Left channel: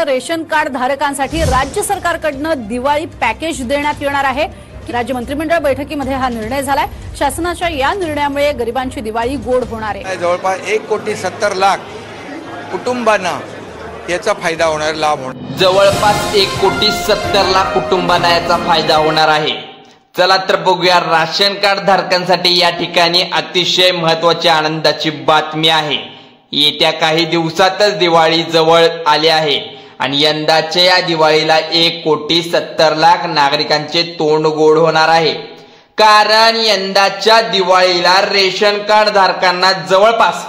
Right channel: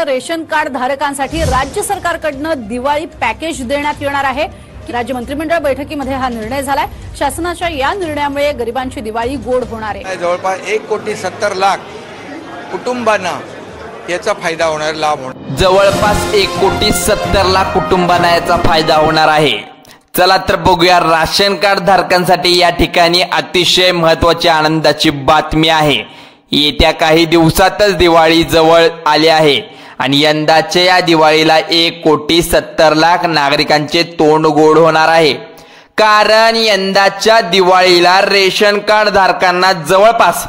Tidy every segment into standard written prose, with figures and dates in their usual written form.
Ration card धारकांसाठी राज्य सरकारकडून दिवाळी पॅकेज देण्यात येणार आहे। राज्य मंत्रिमंडळ बैठकीमध्ये हा निर्णय झालाय। शासनाच्या या निर्णयामुळे गरिबांची दिवाळी गोड होणार आहे। जवळपास 1,70,00,000 कुटुंबांना याचा फायदा होणार, लाभ होणार। जवळपास 1,70,00,000 कुटुंबांना याचा फायदा होणार आहे। चला तर बघूया राशन कार्ड धारकांसाठी या ठिकाणी अतिशय महत्त्वाची आनंदाची बातमी आहे। येत्या काही दिवसातच दिवाळी जवळ आली आहे आणि यंदाच्या या दिवाळीला 1,70,00,000 नागरिकांचे तोंड गोड होणार आहे। कारण यंदाच्या दिवाळीला रेशन कार्ड धारकांना जवळपास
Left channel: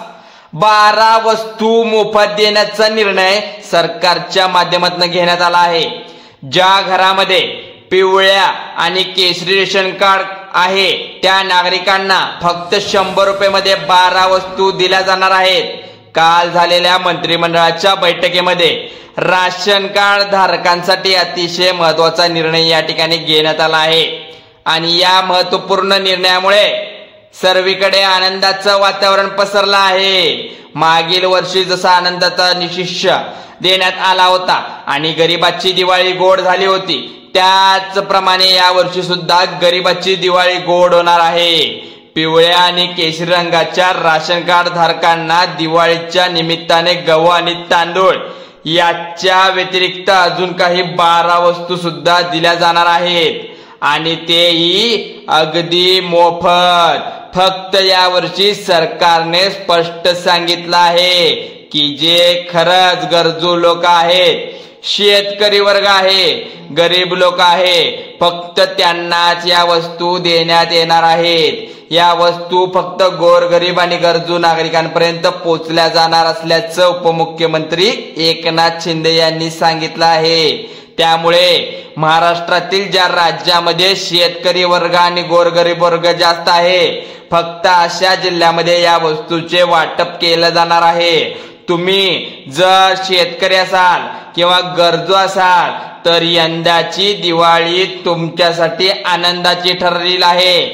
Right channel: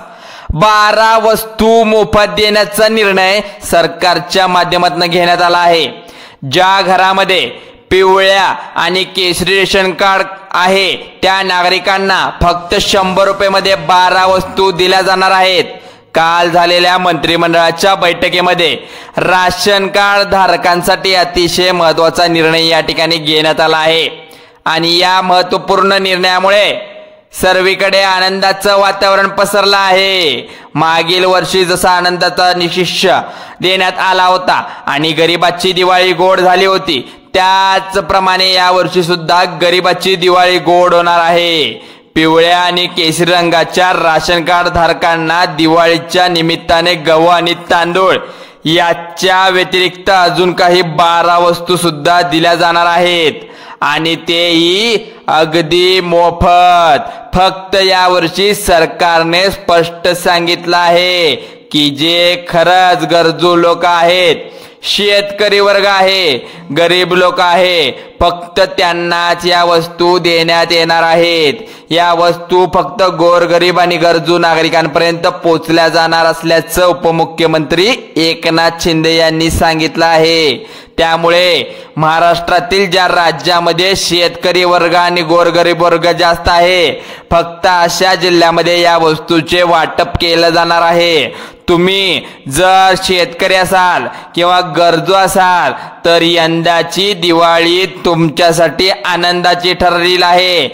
12 वस्तू मोफत देण्याचा निर्णय सरकारच्या माध्यमातून घेण्यात आला आहे। ज्या घरामध्ये पिवळ्या आणि केशरी रेशन कार्ड आहे त्या नागरिकांना फक्त 100 रुपये 12 वस्तू दिल्या जाणार आहेत। काल झालेल्या मंत्रिमंडळाच्या बैठकीमध्ये राशन कार्ड धारकांसाठी अतिशय महत्त्वाचा निर्णय या ठिकाणी घेण्यात आला आहे आणि या महत्त्वपूर्ण निर्णयामुळे सर्वीकडे आनंदाचं वातावरण पसरलं आहे। मागील वर्षी जसा आनंदाचा निशिष देण्यात आला होता आणि गरिबाची दिवाळी गोड झाली होती, त्याचप्रमाणे या वर्षी सुद्धा गरिबाची दिवाळी गोड होणार आहे। पिवळ्या आणि केशरी रंगाच्या राशन कार्ड धारकांना दिवाळीच्या निमित्ताने गहू आणि तांदूळ याच्या व्यतिरिक्त अजून काही 12 वस्तू सुद्धा दिल्या जाणार आहेत आणि तेही अगदी मोफत। फक्त या वर्षी सरकारने स्पष्ट सांगितलं आहे की जे खरंच गरजू लोक आहेत, शेतकरी वर्ग आहे, गरीब लोक आहे, फक्त त्यांनाच या वस्तू देण्यात येणार आहेत। या वस्तू फक्त गोरगरीब आणि गरजू नागरिकांपर्यंत पोहोचल्या जाणार असल्याचं उपमुख्यमंत्री एकनाथ शिंदे यांनी सांगितलं आहे। त्यामुळे महाराष्ट्रातील ज्या राज्यामध्ये शेतकरी वर्ग आणि गोरगरीब वर्ग जास्त आहे, फक्त अशा जिल्ह्यामध्ये या वस्तूचे वाटप केलं जाणार आहे। तुम्ही जर शेतकरी असाल किंवा गरजू असाल तर यंदाची दिवाळी तुमच्यासाठी आनंदाची ठरलेली आहे।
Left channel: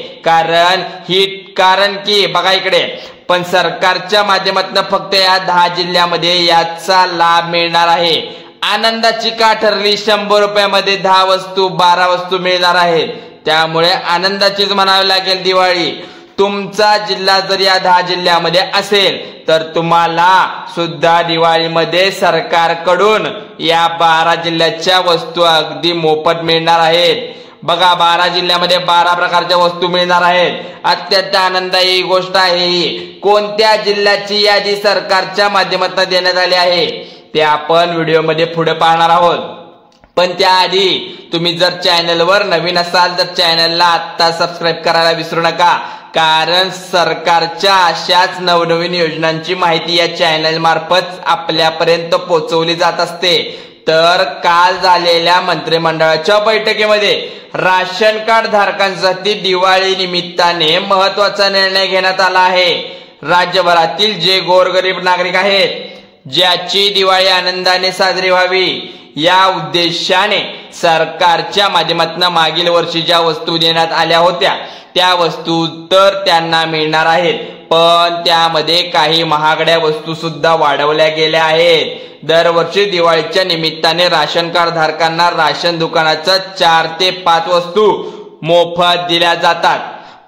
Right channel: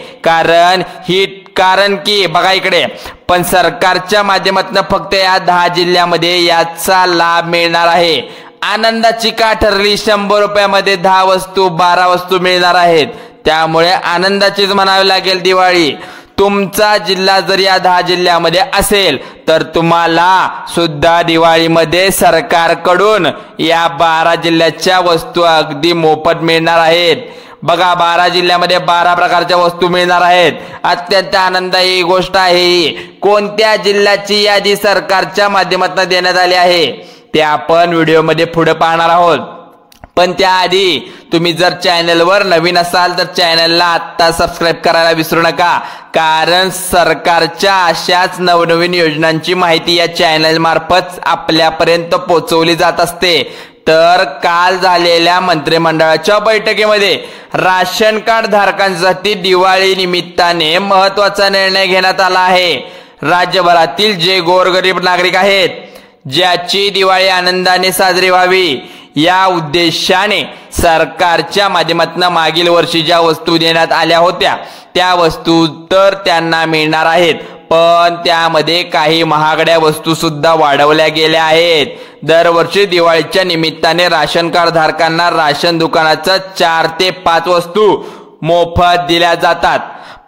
कारण की बघा इकडे पण सरकारच्या माध्यमातून फक्त या 10 जिल्ह्यामध्ये याचा लाभ मिळणार आहे। आनंदाची का ठरली? 100 रुपयामध्ये 10 वस्तू 12 वस्तू मिळणार आहेत, त्यामुळे आनंदाचीच म्हणावी लागेल दिवाळी। तुमचा जिल्हा जर या 10 जिल्ह्यामध्ये असेल तर तुम्हाला सुद्धा दिवाळीमध्ये सरकारकडून या 12 जिल्ह्याच्या वस्तू अगदी मोफत मिळणार आहेत। बघा 12 जिल्ह्यामध्ये 12 प्रकारच्या वस्तू मिळणार आहेत। अत्यंत आनंदाची गोष्ट आहे। कोणत्या जिल्ह्याची यादी सरकारच्या माध्यमातून देण्यात आली आहे ते आपण व्हिडिओमध्ये पुढे पाहणार आहोत। पण त्याआधी तुम्ही जर चॅनलवर नवीन असाल तर चॅनलला आत्ता सबस्क्राईब करायला विसरू नका, कारण सरकारच्या अशाच नवनवीन योजनांची माहिती या चॅनल मार्फत आपल्यापर्यंत पोहोचवली जात असते। तर काल झालेल्या मंत्रिमंडळाच्या बैठकीमध्ये राशन कार्ड धारकांसाठी दिवाळी निमित्ताने महत्त्वाचा निर्णय घेण्यात आला आहे। राज्यभरातील जे गोरगरीब नागरिक आहेत, ज्याची दिवाळी आनंदाने साजरी व्हावी या उद्देशाने सरकारच्या माध्यमातून मागील वर्षी ज्या वस्तू देण्यात आल्या होत्या त्या वस्तू तर त्यांना मिळणार आहेत, पण त्यामध्ये काही महागड्या वस्तू सुद्धा वाढवल्या गेल्या आहेत। दरवर्षी दिवाळीच्या निमित्ताने राशन कार्ड धारकांना राशन दुकानाच्या 4 ते 5 वस्तू मोफत दिल्या जातात,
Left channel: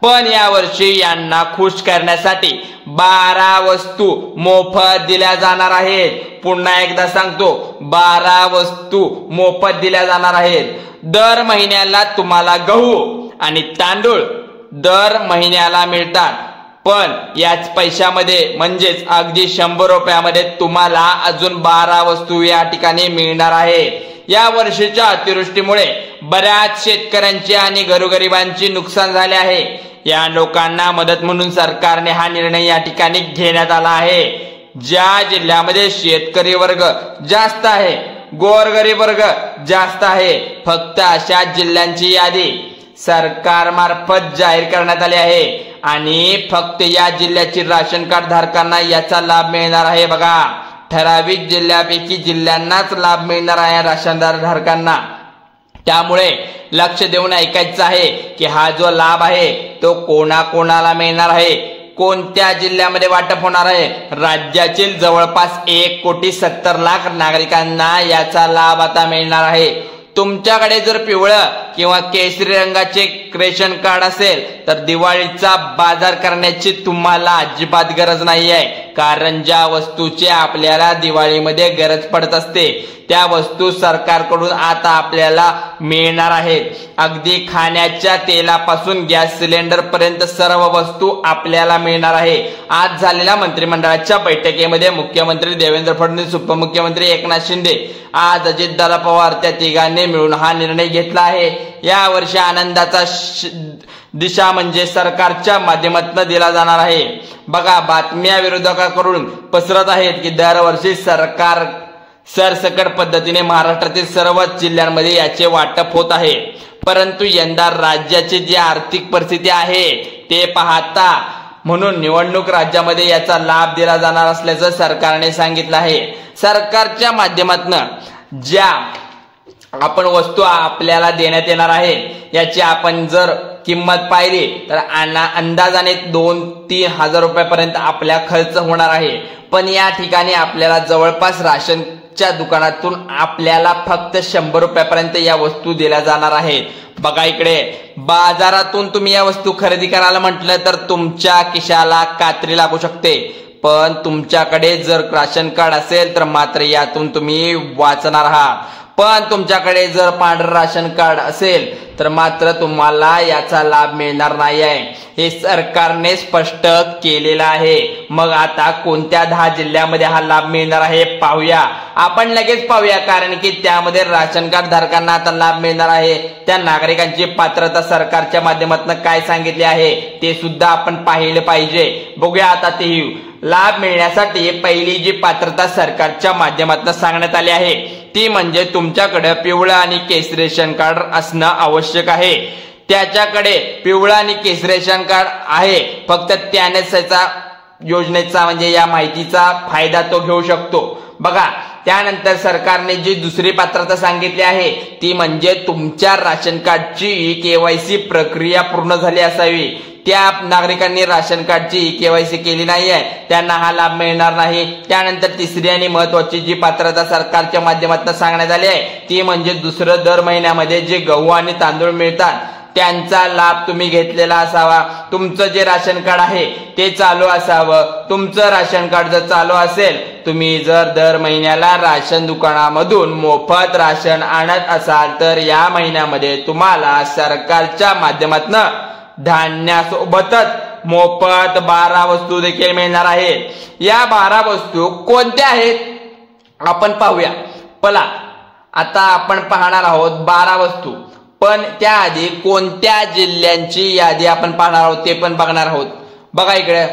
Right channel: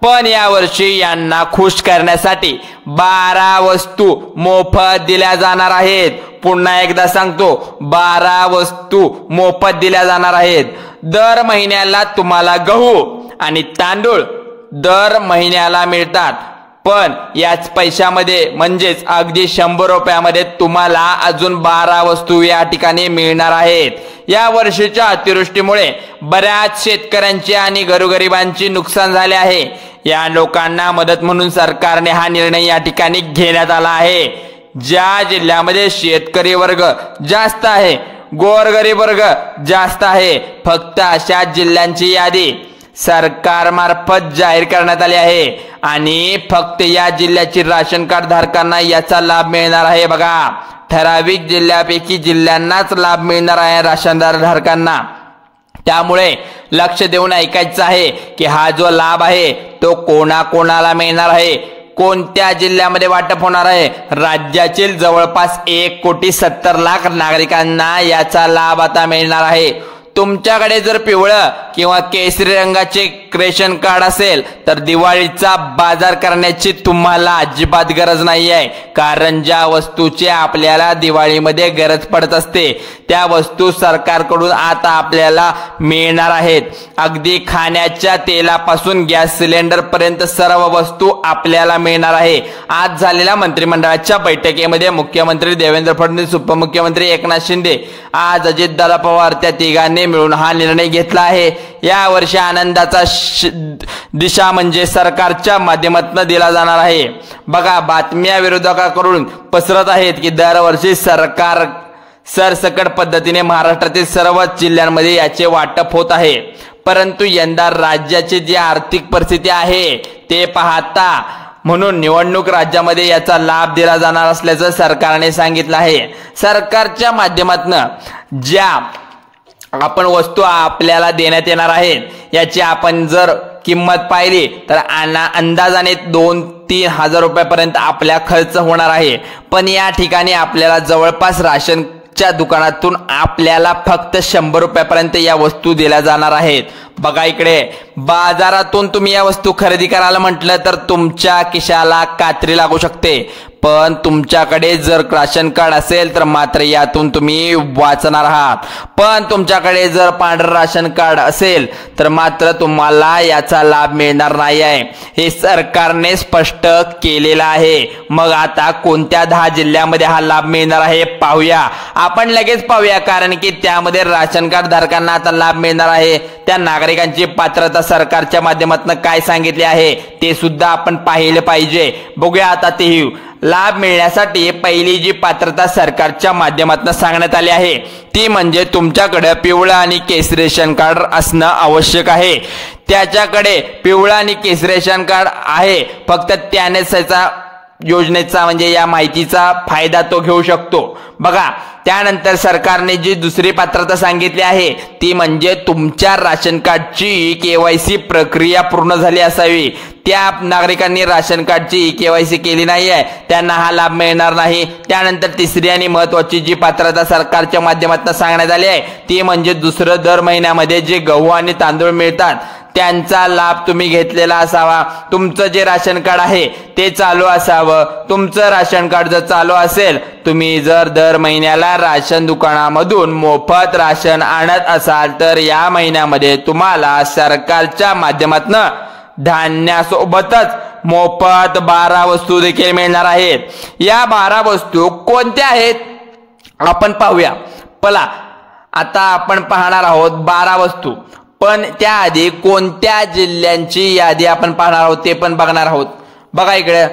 पण यावर्षी यांना खुश करण्यासाठी 12 वस्तू मोफत दिल्या जाणार आहेत। पुन्हा एकदा सांगतो, 12 वस्तू मोफत दिल्या जाणार आहेत। दर महिन्याला तुम्हाला गहू आणि तांदूळ दर महिन्याला मिळतात, पण याच पैशामध्ये म्हणजेच अगदी 100 रुपयामध्ये तुम्हाला अजून 12 वस्तू या ठिकाणी मिळणार आहेत। या वर्षीच्या अतिवृष्टीमुळे बऱ्याच शेतकऱ्यांचे आणि गोरगरिबांचे नुकसान झाले आहे। या लोकांना मदत म्हणून सरकारने हा निर्णय या ठिकाणी घेण्यात आला आहे। ज्या जिल्ह्यामध्ये शेतकरी वर्ग जास्त आहे, गोरगरीब वर्ग जास्त आहे, फक्त अशा जिल्ह्यांची यादी सरकारमार्फत जाहीर करण्यात आली आहे आणि फक्त या जिल्ह्याची राशन कार्ड धारकांना याचा लाभ मिळणार आहे। बघा, ठराविक जिल्ह्यापैकी जिल्ह्यांनाच लाभ मिळणार आहे राशन धारकांना। त्यामुळे लक्ष देऊन ऐकायचं आहे की हा जो लाभ आहे तो कोणाकोणाला मिळणार आहे। कोणत्या जिल्ह्यामध्ये वाटप होणार आहे? राज्यातील जवळपास 1,70,00,000 नागरिकांना याचा लाभ आता मिळणार आहे। तुमच्याकडे जर पिवळं किंवा केसरी रंगाचे रेशन कार्ड असेल तर दिवाळीचा बाजार करण्याची तुम्हाला अजिबात गरज नाही आहे, कारण ज्या वस्तूची आपल्याला दिवाळीमध्ये गरज पडत असते त्या वस्तू सरकारकडून आता आपल्याला मिळणार आहेत। अगदी खाण्याच्या तेलापासून गॅस सिलेंडर पर्यंत सर्व वस्तू आपल्याला मिळणार आहे। आज झालेल्या मंत्रिमंडळाच्या बैठकीमध्ये मुख्यमंत्री देवेंद्र फडणवीस, उपमुख्यमंत्री एकनाथ शिंदे, आज अजितदादा पवार त्या तिघांनी मिळून हा निर्णय घेतला आहे। या वर्षी आनंदाचा दिशा म्हणजे सरकारच्या माध्यमातून दिला जाणार आहे। बघा, बातम्या विरोधकांकडून पसरत आहेत की दरवर्षी सरकार सरसकट पद्धतीने महाराष्ट्रातील सर्वच जिल्ह्यांमध्ये याचे वाटप होत आहे, परंतु यंदा राज्याची जी आर्थिक परिस्थिती आहे ते पाहता म्हणून निवडणूक राज्यामध्ये याचा लाभ दिला जाणार असल्याचं सरकारने सांगितलं आहे। सरकारच्या माध्यमातून ज्या आपण वस्तू आपल्याला देण्यात येणार आहेत याची आपण जर किंमत पाहिली तर अंदाजाने 2-3 हजार रुपयापर्यंत आपल्या खर्च होणार आहे। पण या ठिकाणी आपल्याला जवळपास राशनच्या दुकानातून आपल्याला फक्त 100 रुपयापर्यंत या वस्तू दिल्या जाणार आहेत। बघा इकडे, बाजारातून तुम्ही या वस्तू खरेदी करायला म्हटलं तर तुमच्या खिशाला कात्री लागू शकते, पण तुमच्याकडे जर राशन कार्ड असेल तर मात्र यातून तुम्ही वाचणार आहात। पण तुमच्याकडे जर पांढरं राशन कार्ड असेल तर मात्र तुम्हाला याचा लाभ मिळणार नाही आहे, हे सरकारने स्पष्ट केलेलं आहे। मग आता कोणत्या 10 जिल्ह्यामध्ये हा लाभ मिळणार आहे पाहूया, आपण लगेच पाहूया, कारण की त्यामध्ये राशन कार्ड धारकांना आता लाभ मिळणार आहे। त्या नागरिकांची पात्रता सरकारच्या माध्यमातून काय सांगितले आहे ते सुद्धा आपण पाहिले पाहिजे। बघूया आता ते लाभ मिळण्यासाठी पहिली जी पात्रता सरकारच्या माध्यमातून सांगण्यात आली आहे ती म्हणजे तुमच्याकडे पिवळं आणि केसरी रेशन कार्ड असणं आवश्यक आहे। त्याच्याकडे पिवळं आणि केसरी रेशन कार्ड आहे, फक्त त्यानेच याचा योजनेचा म्हणजे या माहितीचा फायदा तो घेऊ शकतो। बघा, त्यानंतर सरकारने जी दुसरी पात्रता सांगितली आहे ती म्हणजे तुमच्या राशन कार्डची केवायसी प्रक्रिया पूर्ण झाली असावी। त्या नागरिकांनी राशन कार्डची केवायसी केली नाही आहे त्यांना हा लाभ मिळणार नाही। त्यानंतर तिसरी आणि महत्त्वाची जी पात्रता सरकारच्या माध्यमातून सांगण्यात आली आहे ती म्हणजे दुसरं दर महिन्यामध्ये जे गहू आणि तांदूळ मिळतात त्यांचा लाभ तुम्ही घेतलेला असावा। तुमचं जे राशन कार्ड आहे ते चालू असावं। तुमचं राशन कार्ड जर चालू असेल, तुम्ही जर दर महिन्याला राशन दुकानामधून मोफत राशन आणत असाल तर या महिन्यामध्ये तुम्हाला सरकारच्या माध्यमातून धान्यासोबतच मोफत 12 वस्तू देखील मिळणार आहेत। या 12 वस्तू कोणत्या आहेत आपण पाहूया। पला आता आपण पाहणार आहोत 12 वस्तू, पण त्याआधी कोणत्या जिल्ह्यांची यादी आपण पाहणार आहोत ते पण बघणार आहोत। बघा इकडे,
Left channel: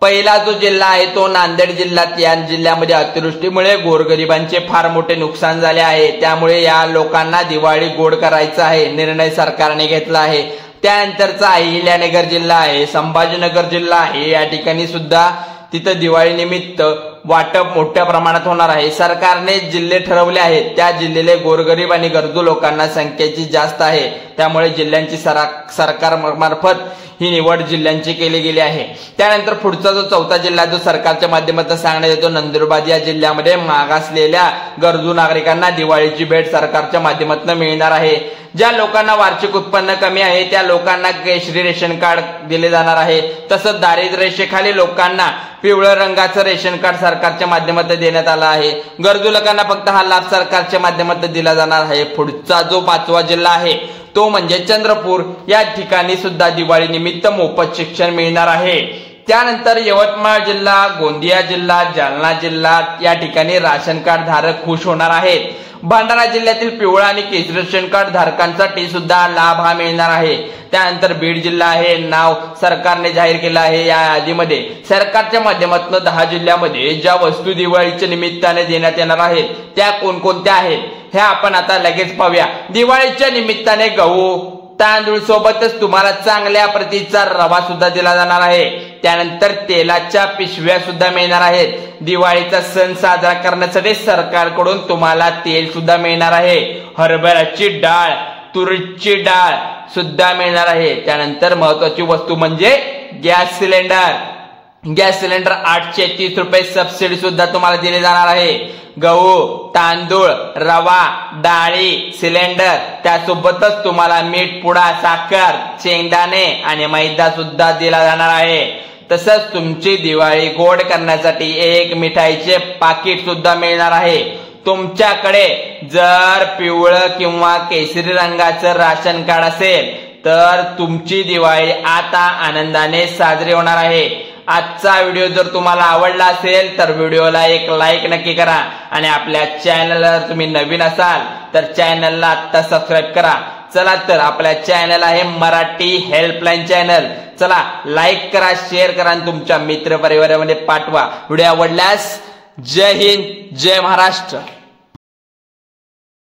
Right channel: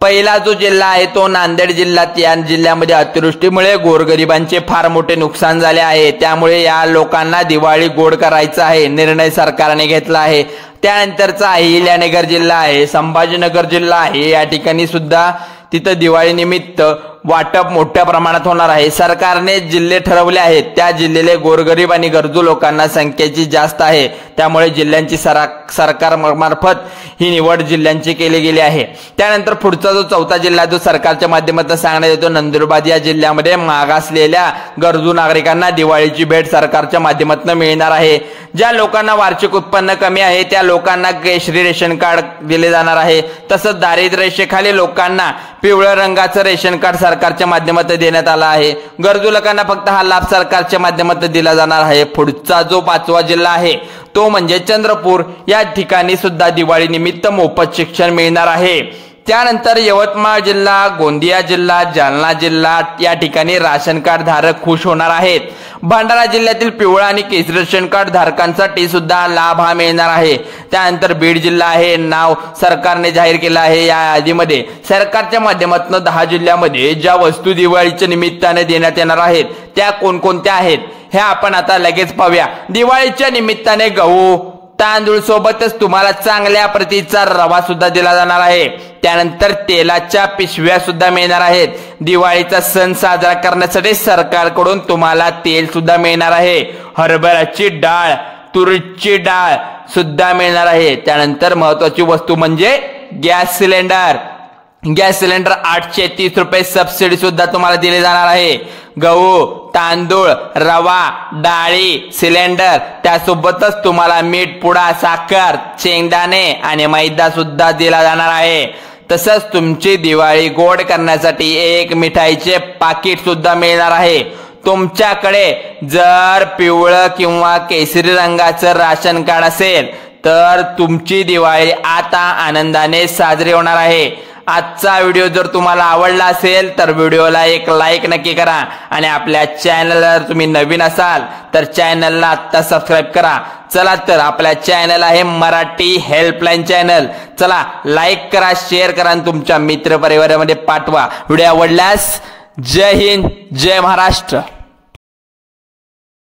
पहिला जो जिल्हा आहे तो नांदेड जिल्हा। या जिल्ह्यामध्ये अतिवृष्टीमुळे गोरगरिबांचे फार मोठे नुकसान झाले आहे, त्यामुळे या लोकांना दिवाळी गोड करायचा आहे निर्णय सरकारने घेतला आहे। त्यानंतरचा अहिल्यानगर जिल्हा आहे, संभाजीनगर जिल्हा आहे, या ठिकाणी सुद्धा तिथं दिवाळी निमित्त वाटप मोठ्या प्रमाणात होणार आहे। सरकारने जिल्हे ठरवले आहेत, त्या जिल्ह्याले गोरगरीब आणि गरजू लोकांना संख्येची जास्त आहे, त्यामुळे जिल्ह्यांची सरकार मार्फत ही निवड जिल्ह्यांची केली गेली आहे। त्यानंतर पुढचा जो चौथा जिल्हा जो सरकारच्या माध्यमातून सांगण्यात येतो नंदुरबार या जिल्ह्यामध्ये मागासलेल्या गरजू नागरिकांना दिवाळीची भेट सरकारच्या माध्यमातून मिळणार आहे। ज्या लोकांना वार्षिक उत्पन्न कमी आहे त्या लोकांना केसरी रेशन कार्ड दिले जाणार आहे। तसंच दारिद्र्य रेषेखाली लोकांना पिवळ्या रंगाचं रेशन कार्ड सरकारच्या माध्यमातून देण्यात आलं आहे। गरजू लोकांना फक्त हा लाभ सरकारच्या माध्यमातून दिला जाणार आहे। पुढचा जो 5वा जिल्हा आहे तो म्हणजे चंद्रपूर, या ठिकाणी सुद्धा दिवाळी निमित्त मोफत शिक्षण मिळणार आहे। त्यानंतर यवतमाळ जिल्हा, गोंदिया जिल्हा, जालना जिल्हा या ठिकाणी राशन कार्ड धारक खुश होणार आहेत। भंडारा जिल्ह्यातील पिवळा आणि केसरी रेशन कार्ड धारकांसाठी सुद्धा लाभ हा मिळणार आहे। त्यानंतर बीड जिल्हा आहे, नाव सरकारने जाहीर केलं आहे। या यादीमध्ये सरकारच्या माध्यमातून 10 जिल्ह्यामध्ये ज्या वस्तू दिवाळीच्या निमित्ताने देण्यात येणार आहेत त्या कोणकोणत्या आहेत हे आपण आता लगेच पाहूया। दिवाळीच्या निमित्ताने गहू तांदूळ सोबतच तुम्हाला चांगल्या प्रतीचा रवा सुद्धा दिला जाणार आहे। त्यानंतर तेलाच्या पिशव्या सुद्धा मिळणार आहेत। दिवाळीचा सण साजरा करण्यासाठी सरकारकडून तुम्हाला तेल सुद्धा मिळणार आहे। हरभऱ्याची डाळ, तुरीची डाळ सुद्धा मिळणार आहे। त्यानंतर महत्त्वाची वस्तू म्हणजे गॅस सिलेंडर, गॅस सिलेंडर 830 रुपये सबसिडी सुद्धा तुम्हाला दिली जाणार आहे। गहू, तांदूळ, रवा, डाळी, सिलेंडर, त्यासोबतच तुम्हाला मीठ, पुडा, साखर, शेंगदाणे आणि मैदा सुद्धा दिला जाणार आहे। तसंच तुमची दिवाळी गोड करण्यासाठी एक मिठाईचे पाकिट सुद्धा मिळणार आहे। तुमच्याकडे जर पिवळं किंवा केसरी रंगाचं राशन कार्ड असेल तर तुमची दिवाळी आता आनंदाने साजरी होणार आहे। आजचा व्हिडिओ जर तुम्हाला आवडला असेल तर व्हिडिओला एक लाईक नक्की करा आणि आपल्या चॅनलला जर तुम्ही नवीन असाल तर चॅनलला आता सबस्क्राईब करा। चला तर आपल्या चॅनल आहे मराठी हेल्पलाईन चॅनल, चला लाईक करा, शेअर करा आणि तुमच्या मित्र परिवारामध्ये पाठवा। व्हिडिओ आवडल्यास जय हिंद, जय महाराष्ट्र।